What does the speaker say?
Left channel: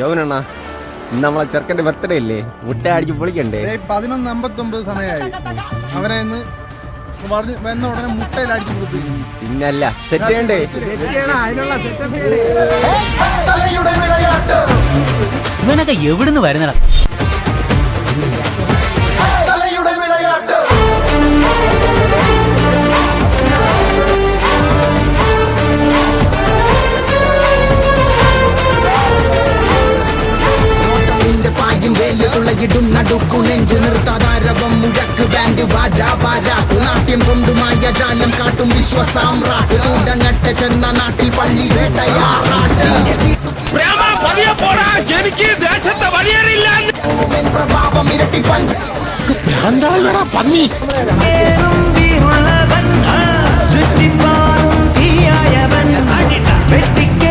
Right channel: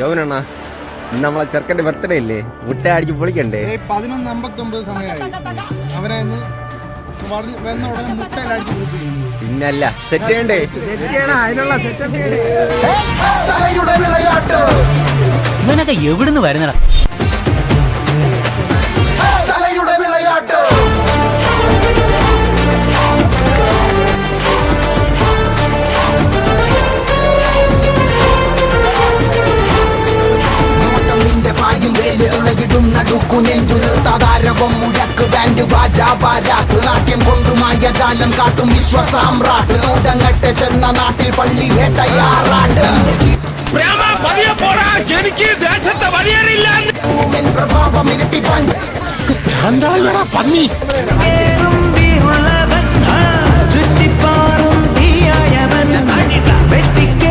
യോവനണ്ണാ, ഇന്ന് നമ്മളെ ചെറുക്കന്റെ ബർത്ത്ഡേ അല്ലേ? മുട്ട അടിച്ച് പൊളിക്കണ്ടേ? 11:59 സമയമായി. അവനെ ഇന്ന് വന്ന ഉടനെ മുട്ടയിൽ അടിച്ച് പൊളിപ്പിക്കും. പിന്നല്ല, സെറ്റ് ചെയ്യണ്ടേ? അതിനുള്ള സെറ്റപ്പ് ഇവനൊക്കെ എവിടുന്ന് വരുന്നടാ? നാട്യം കൊണ്ടുമായ ജാലം കാട്ടും വിശ്വസാമ്രാട്ട് നൂതങ്ങട്ടെ ചെന്ന നാട്ടിൽ പള്ളി വേട്ടയാറാട്ട് എനിക്ക് ദേശത്തെ വഴിയേറില്ല പ്രഭാവം ഇരട്ടിപ്പൻ പന്നി ചുറ്റിപ്പാറും തീയായവൻ വെട്ടിക്ക